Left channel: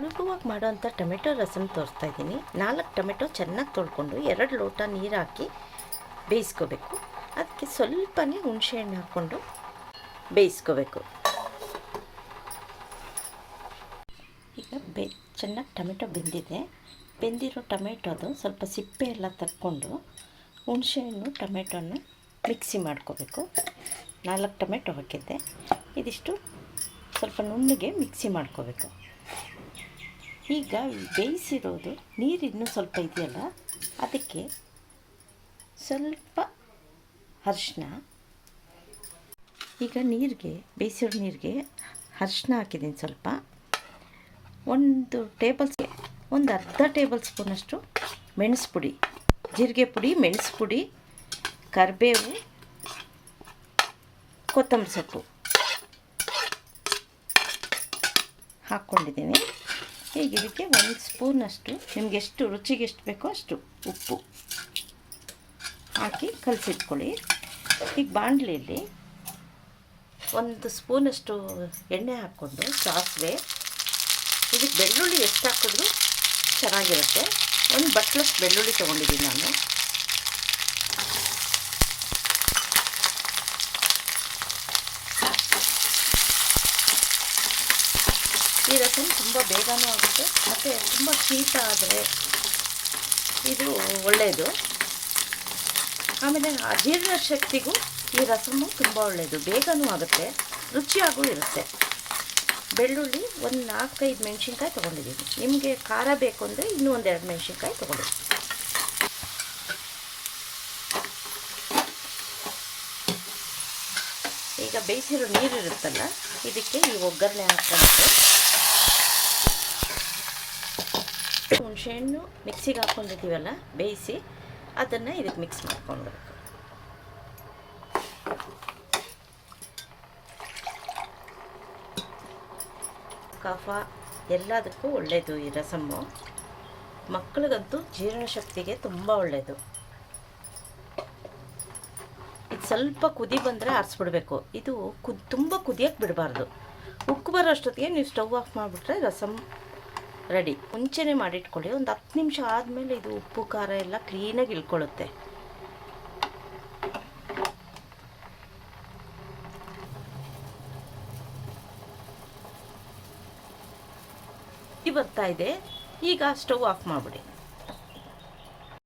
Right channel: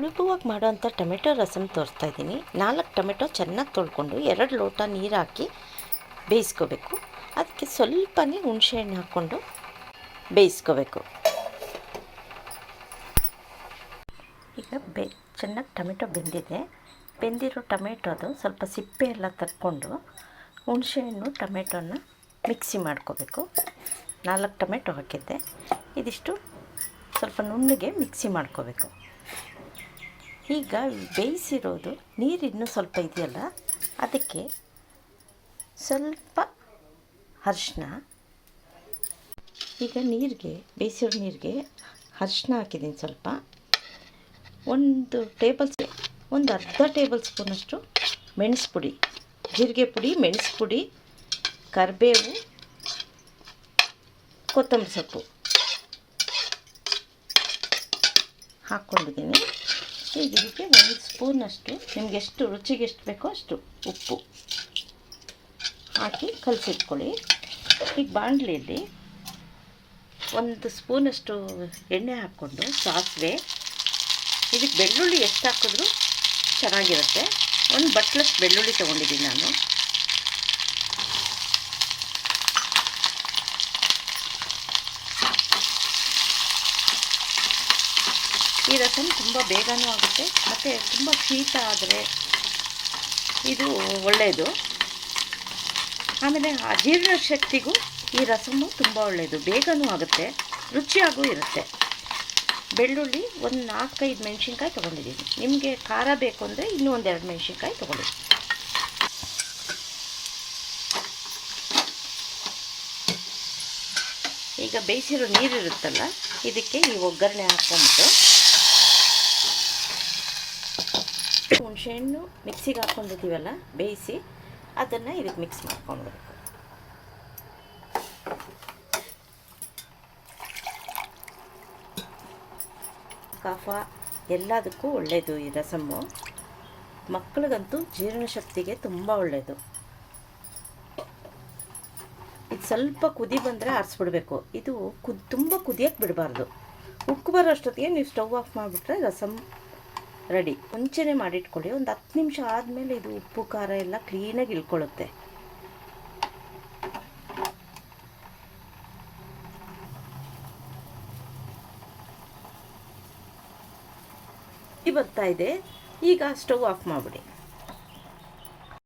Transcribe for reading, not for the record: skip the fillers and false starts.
ಸುಲಭವಾಗಿ ಮಾಡೋವಂಥ ಟೊಮೆಟೊ ರಸಮ್ ತೋರಿಸ್ತಾ ಇದ್ದೀನಿ. 4 ಟೊಮೆಟೊ ಚೆನ್ನಾಗಿ ತೊಳ್ಕೊಂಡು 2 ಲೋಟ ನೀರು ಹಾಕಿ ಬೇಯಿಸ್ಕೋಬೇಕು. ಅದಕ್ಕೆ ಸ್ವಲ್ಪನೇ ಹುಣಸೆಹಣ್ಣು ಹಾಕ್ಕೊಂಡು ಬೇಯಿಸ್ಕೋಬೇಕು. ಈಗ ಚೆನ್ನಾಗಿ ಟೊಮೆಟೊ ಬೆಂದಿರೋ ಟೊಮೆಟೊದು ಸ್ವಲ್ಪ ಸಿಪ್ಪೆ ಎಲ್ಲ ತಕ್ಕೊಂಡು ಹುಣಸೆಹಣ್ಣು ಟೊಮೆಟೊನ ಮಿಕ್ಸಿ ಮಾಡ್ಕೋಬೇಕು. 4 ಟೊಮೆಟೊ ಹಾಕಿದ್ದೆ, ಇದಿಷ್ಟು ಸ್ವಲ್ಪ ನುಣ್ಣಗೆ ಮಿಕ್ಸಿ ಮಾಡ್ಕೋಬೇಕು. ಈಗ ಬೇಯಿಸಿರೋದು ನೀರು ಇನ್ನೂ ಸ್ವಲ್ಪ ಇದೆಯಲ್ಲ, ಅದಕ್ಕೆ ಸ್ವಲ್ಪ ಅರಿಶಿನ, ಈಗ ಬೇಯಿಸಿರೋ ನೀರಿಗೆ ಅರಿಶಿನ ಹಾಕಿದ್ದೀನಿ. ಸ್ವಲ್ಪ ಒಂದು ಅರ್ಧ ಟೇಬಲ್ ಸ್ಪೂನಷ್ಟು ಮೆಣಸು ಪುಡಿ, ಜೀರಿಗೆ ಪುಡಿ, ಮೆಣಸು ಪುಡಿ, ಕರಿಬೇವು, ಕೊತ್ತಂಬರಿ ಸೊಪ್ಪು ಹಾಕ್ಕೊಂಡಿದ್ದೀನಿ. ಈಗ ಇದಕ್ಕೆ 1 ಸ್ಪೂನಷ್ಟು ನಿಮಗೆ ರುಚಿಗೆ ಎಷ್ಟು ಬೇಕೋ ಅಷ್ಟು ಉಪ್ಪು ಹಾಕಿ ಕಲಸಿಟ್ಕೊಳ್ಳಿ. ಈಗ ಬಾಣಲೆಯಲ್ಲಿ 1 ಸ್ಪೂನಷ್ಟು ಎಣ್ಣೆ ಹಾಕ್ಕೊಂಡು ಸಾಸಿವೆ, ಇದಕ್ಕೆ ಬೆಳ್ಳುಳ್ಳಿ ಎಷ್ಟು ಹಾಕಿದ್ರೂ ಚೆನ್ನಾಗಿರುತ್ತೆ. 1 ಬಟ್ಲಷ್ಟು ಬೆಳ್ಳುಳ್ಳಿ ತೊಗೊಂಡಿದ್ದೀನಿ ನಾನು. ಈ ರಸಮ್ ತುಂಬ ಬೇಗನೂ ಆಗುತ್ತೆ ಮತ್ತು ತುಂಬ ಶೀತ ಆದರೆ ಇದು ಒಳ್ಳೆಯದು. ಆಮೇಲೆ ಅಜೀರ್ಣ ಶಕ್ತಿಗೂ ಈ ರಸಮ್ಮು ತುಂಬ ಒಳ್ಳೆಯದು, ಬೇಗನೂ ಆಗುತ್ತೆ, ರುಚಿಯಾಗೂ ಇರುತ್ತೆ. ಬೆಳ್ಳುಳ್ಳಿ 4-5 ಮೆಣಸಿನ್ಕಾಯಿ ತೊಗೊಂಡಿದ್ದೀನಿ. ನಿಮಗೆ ಖಾರ ಬೇಕು ಅಂದರೆ ಇನ್ನೂ 1-2 ಮೆಣಸಿನ್ಕಾಯಿ ತೊಗೊಳ್ಳಿ. ಈಗ ಬೇಯಿಸಿರೋ ನೀರಿರುತ್ತಲ್ಲ, ಇದಕ್ಕೆ ಈ ಒಗ್ಗರಣೆ ಹಾಕ್ಕೊಂಬಿಟ್ಟು ಹುಣಸೆಹಣ್ಣು ಮಿಕ್ಸಿಗೆ ಹಾಕ್ಕೊಂಡಿದ್ದೀವಲ್ಲ ಬೇಯಿಸಿ, ಅದನ್ನು ಇದಕ್ಕೆ ಮಿಕ್ಸ್ ಮಾಡ್ಕೊಳ್ಬೇಕು. ಕಫ ಎಲ್ಲದಕ್ಕೂ ಒಳ್ಳೆಯದು ಈ ರಸಮ್ಮು. ಮಕ್ಕಳಿಗಂತೂ ಜೀರ್ಣಶಕ್ತಿಗೆ ತುಂಬ ಒಳ್ಳೆಯದು. ಇದು ಸ್ವಲ್ಪ ಕುದಿ ಬಂದರೆ ಆರಿಸ್ಬಿಡ್ಬೇಕು. ಇದು ತುಂಬ ಕುದಿಯೋಕ್ಕೆ ಬಿಡಬಾರ್ದು. ಉಕ್ಕು ಬರೋ ಅಷ್ಟೊತ್ತಿಗೆ ನೀವು ಸ್ಟವ್ ಆಫ್ ಮಾಡಿಬಿಟ್ರೆ ರಸಮ್ ರೆಡಿ. ಮುಂಚೆನೇ ಮಾಡಿಟ್ಕೊಳ್ಳಿ. ಒಂದು 10 ನಿಮಿಷ ಆದಮೇಲೆ ಇದು ಉಪ್ಪು ಖಾರ ಎಲ್ಲ ಕ್ಲೀನಾಗಿ ಇಳ್ಕೊಳ್ಳುತ್ತೆ. ಬರ್ತಾ ಇದೆ, ಈಗ ಸ್ಟವ್ ಆಫ್ ಮಾಡಿಬಿಡಿ.